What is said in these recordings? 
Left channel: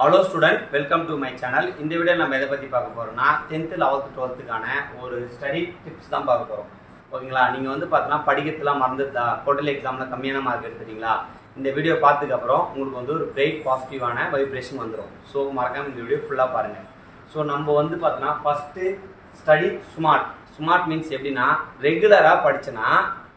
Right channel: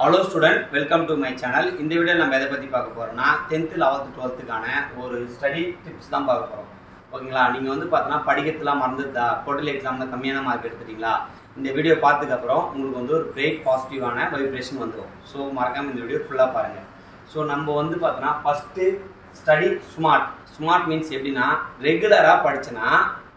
Hello student, welcome to my channel. இந்த video நம்ம எதை பத்தி பார்க்க போறோம்னா 10th 11th 12thக்கான ஒரு ஸ்டடி டிப்ஸ் தான் பார்க்க போறோம். ஓகேங்களா? நீங்க வந்து பார்த்தா படிக்கிறதுலாம் மறந்துட்டா, குவார்ட்டர்லி எக்ஸாம்ல கம்மியான மார்க் எடுத்துட்டீங்களா? இந்த வீடியோ பார்த்ததுக்கு அப்புறம் உங்களுக்கு வந்து ஒரு கிரேட் பாசிட்டிவான வைப்ரேஷன் வந்துரும். சோ மறக்காம இந்த வீடியோ ஃபுல்லா பாருங்க. சோ நம்ம வந்து பார்த்தா first study smart. Smart means எப்படின்னா ரெகுலரா படிச்சனா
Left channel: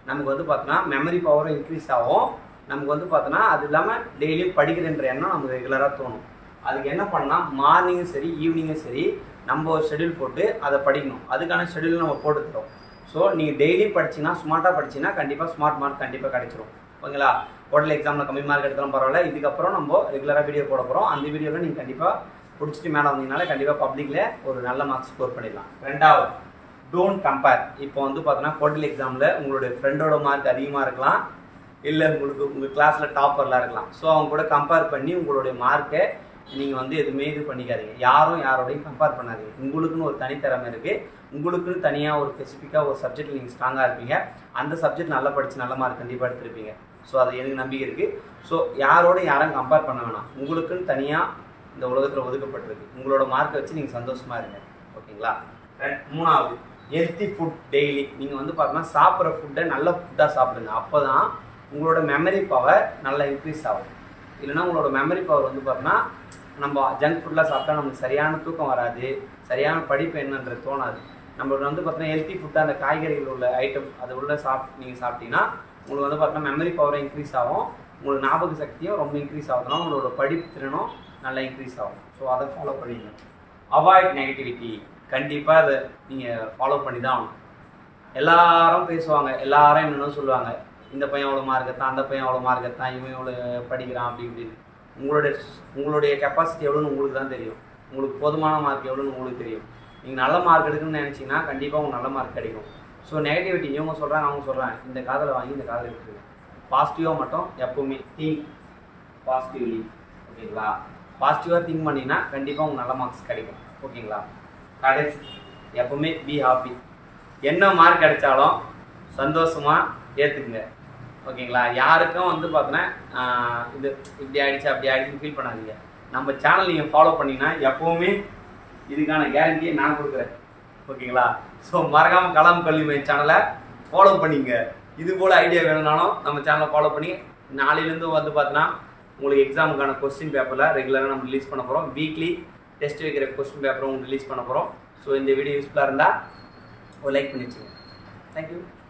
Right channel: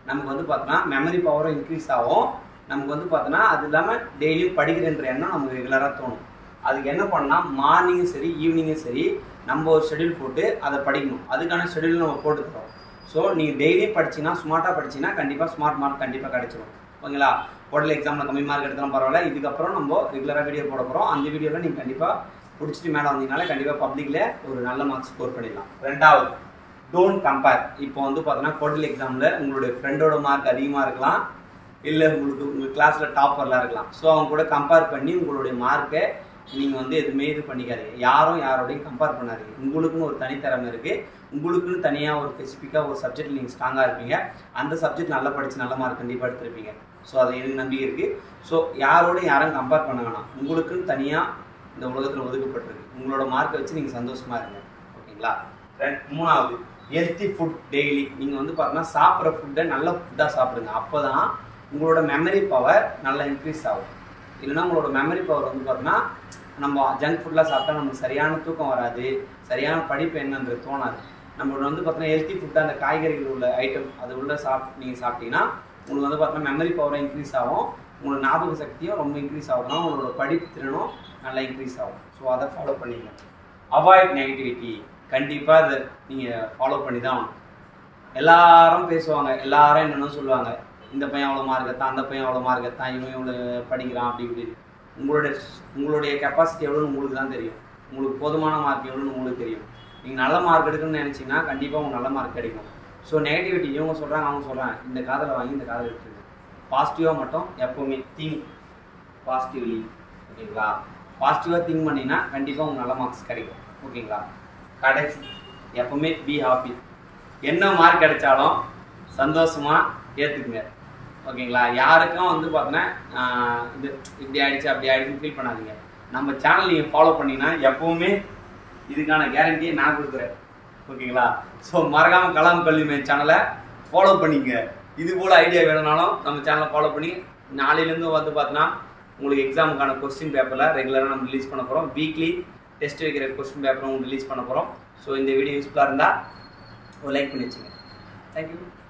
நமக்கு வந்து பார்த்தா மெமரி பவரும் இன்க்ரீஸ் ஆகும். நமக்கு வந்து பார்த்தா அது இல்லாம டெய்லி படிக்கிறன்ற எண்ணம் நமக்கு ரெகுலரா தோணும். அதுக்கு என்ன பண்ணலாம், மார்னிங்கும் சரி ஈவினிங்கும் சரி நம்ம ஒரு ஷெடியூல் போட்டு அதை படிக்கணும். அதுக்கான ஷெடியூல் நம்ம போட்டு தரோம். ஸோ நீங்கள் டெய்லி படிச்சிங்கன்னா ஸ்மார்ட்டாக படிச்சிங்கன்னா கண்டிப்பாக ஸ்மார்ட் மார்க் கண்டிப்பாக கிடைச்சிரும். ஓகேங்களா? குவார்ட்டர்லி எக்ஸாமில் கம்மி மார்க் எடுத்தாலும் பரவாயில்ல. இதுக்கப்புறம் நம்ம ரெகுலராக வீடியோ போட போகிறோம். அந்த வீடியோவில் நீங்கள் கண்டிப்பாக பிடிச்சிட்டு மேலே வந்தீங்கனால கண்டிப்பாக பப்ளிக்கில் ஒரு நல்ல மார்க் ஸ்கோர் பண்ணிடலாம். ரெண்டாவது, டோன்ட் கம்பேர். இப்போ வந்து பார்த்தோன்னா குவார்ட்டர்லி எக்ஸாமில் உங்களுடைய ஃப்ரெண்டோட மார்க் அதிகமாக இருக்கலாம், இல்லை உங்கள் கிளாஸில் டாப்பர்லாம் இருக்கலாம். ஸோ அவங்க கூட கம்பேர் பண்ணி உங்களுடைய மார்க்கை நீங்கள் வந்து எதுவுமே இது பண்ணிக்காதீங்க. யாரும் யாரோடையும் கம்பேர் பண்ணாதீங்க. உங்களுக்குன்னு ஒரு தனித்திறமை இருக்குது. உங்களுக்குன்னு தனியாக ஒரு ஸ்பெசிஃபிக்காக ஒரு சப்ஜெக்ட் நீங்கள் ஸ்ட்ராங்காக இருப்பீங்க. அந்த சப்ஜெக்ட் நல்லா படித்து நல்ல மார்க் கண்டிப்பாக எடுத்துருப்பீங்க. ஸோ அது எனக்கு நம்பிக்கை இருக்குது. ஸோ யாரோடையும் யாரும் கம்பேர் பண்ண வேணாம். உங்களுக்குன்னு தனியாக இந்த உலகத்தில் ஒதுக்கப்பட்டிருக்கு. உங்களோட மார்க்கை வச்சு நீங்கள் சந்தோஷமாக இருங்க. ஓகேங்களா? மூணாவது, ஹெல்த்தி ஃபுட் டெய்லி. நீங்கள் வந்து பார்த்தோன்னா சாப்பிட்ற ஃபுட்டை நல்ல ஃபுட்டாக சாப்பிடுங்க. அப்போ தான் உங்களோட மெமரி பவர் நல்லா இன்க்ரீஸ் ஆகும். இல்லைன்னா உங்களோட மெமரி பவர் வந்து பார்த்தோன்னா நம்ம ஜங்க் ஃபுட்லாம் சாப்பிட்டா நமக்கு சரியான தூக்கம் வராது, சரியான படிப்பு என்னன்றது தோணாது. நம்மளோட வந்து பார்த்தோன்னா ஹெல்த்தி ஃபுட்டாக அந்த காய்கறிகள் உள்ள ஐட்டம் அது உள்ள நீங்கள் சாப்பிட்டீங்கன்னா உங்களுக்கு வந்து பார்த்தோன்னா மெமரி பவரும் இன்க்ரீஸ் ஆகும். உங்களோட ஞாபக சக்தியும் ரொம்ப இன்க்ரீஸ் ஆகுதுன்னா உங்களோட படிப்பு திறனும் நல்லா இன்க்ரீஸ் ஆகும். ஸோ அதை ஃபாலோ பண்ணிங்க. Avoid negativity. கண்டிப்பாக அதை நீங்கள் ஃபாலோ பண்ணி தான் ஆகணும். எல்லாரும் பேசுவாங்க, எல்லாரும் என்னென்னு சொல்லுவாங்க, இந்த பையன் அவ்வளோ மார்க் எடுத்தான், அந்த பையன் அவ்வளோ மார்க் எடுத்தான், இவன் இவ்வளோ படிக்கிறான் அப்படி இப்படின்னு. உங்களுடைய கெப்பாசிட்டி எவ்வளோன்னு உங்களுக்கு தான் தெரியும். உங்களுக்கு போதுமான மார்க் எவ்வளோன்னு உங்களுக்கு தெரியும். நீங்கள் நல்ல மார்க் எடுக்கணும்னு நினச்சிங்கன்னா கண்டிப்பாக உங்களுக்கு நல்ல மார்க் கிடைக்கும். ஸோ நெகட்டிவிட்டி இவங்க சொல்கிறாங்க அவங்க சொல்கிறாங்க, இந்த காதில் வாங்கி இந்த காதில் எடுத்துருங்க. பாசிட்டிவாக மட்டும் எப்போவுமே திங்க் பாசிட்டிவ்லி. ஓகேங்களா? பாசிட்டிவாக திங்க் பண்ணிங்கன்னா கண்டிப்பாக உங்களுக்கு நல்ல மார்க்ஸ் கிடைக்கும். ஓகேங்களா? கடைசி, எப்போவுமே பி ஹாப்பி. என்ன மார்க் கிடைச்சாலும் சந்தோஷமாக ஏற்றுக்குங்க. ஓகேங்களா? யாருக்கும் வந்து பார்த்தோன்னா இது இப்படி ஆகிடுச்சு அப்படி ஆகிடுச்சுன்னு ஃபீல் பண்ணாதீங்க. நம்ம சேனல் நீங்கள் ஃபாலோ பண்ணிங்கன்னா எப்போவுமே இதுக்கான கேரண்டியை நான் கொடுக்குறேன். ஓகேங்களா? ஸோ மறக்காமல் கலாம் கல்வி மையம் சேனலை ஃபாலோ பண்ணிங்க. இது போல் ஐடியா வேணும்னாலும் நம்ம சேனலை ஃபாலோ பண்ணி நாளையிலேருந்து வந்து பார்த்தோன்னா உங்களுக்கு எக்ஸாமுக்கான கொஸ்டின் பேப்பரில் ரெகுலராக நம்ம ரிலீஸ் பண்ண போகிறோம். வீக்லி டெஸ்ட் வைக்கிற கொஸ்டின் பேப்பரும் ரிலீஸ் பண்ண போகிறோம். ஸோ இந்த வீடியோ யூஸ்ஃபுல்லாக இருந்தால் ஒரு லைக் பண்ணி வச்சுங்க. தேங்க்யூ.